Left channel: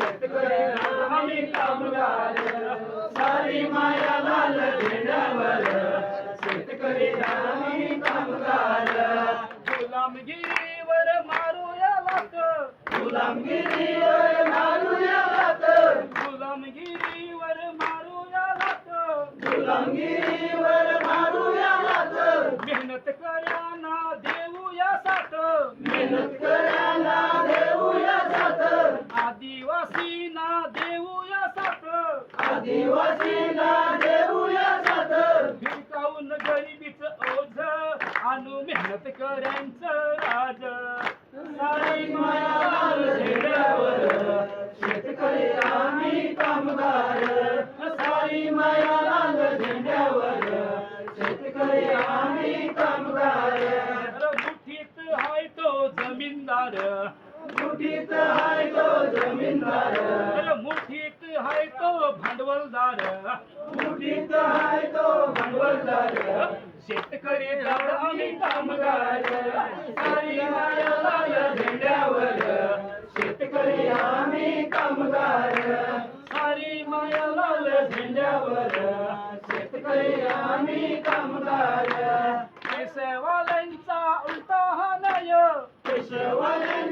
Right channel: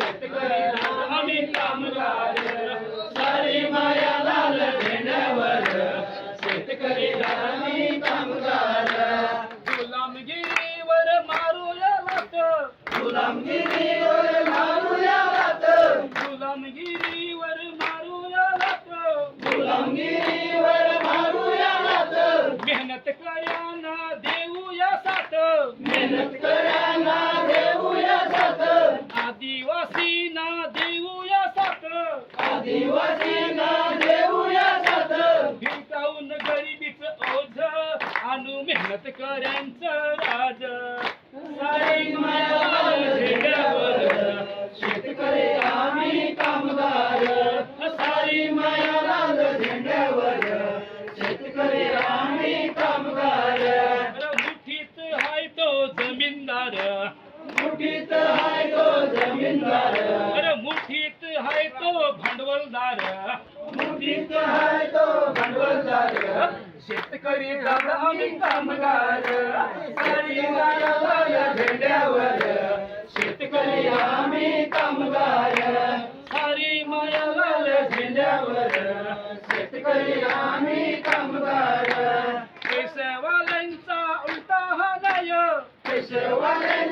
शेतकरी आम्ही कामगार सारी माया लाल झेंड्यावर शेतकरी आम्ही कामगार गुलामगिरीवर मारूया लाथ गुलामगिरीवर मारूया लाथ गुलामगिरीवर मारूया लाथ गुलामगिरीवर मारूया लाथ मेहनत कऱ्यांना देऊया साथ मेहनत कऱ्यांना देऊया साथ आदिवासींना देऊया साथ आदिवासींना देऊया साथ भिकावून गरिबीचं ओझ आणू मेहनत कऱ्यांचं राज सारी माया लाल झेंड्यावर शेतकरी आम्ही कामगार सारी माया लाल झेंड्यावर शेतकरी आम्ही कामगार मुठीत हाय तो जमीनदार मुठीत हाय तो जमीनदार अरे मुठीत हाय तो भांडवलदार मुठीत हाय तो भांडवलदार शेतकरी दादा आम्ही कामगार सारी माया लाल झेंड्यावर शेतकरी आम्ही कामगार सारी माया लाल झेंड्यावर शेतकरी आम्ही कामगार पेशवाल्यांचा उलटा हा न्याय पेशवाल्यांचा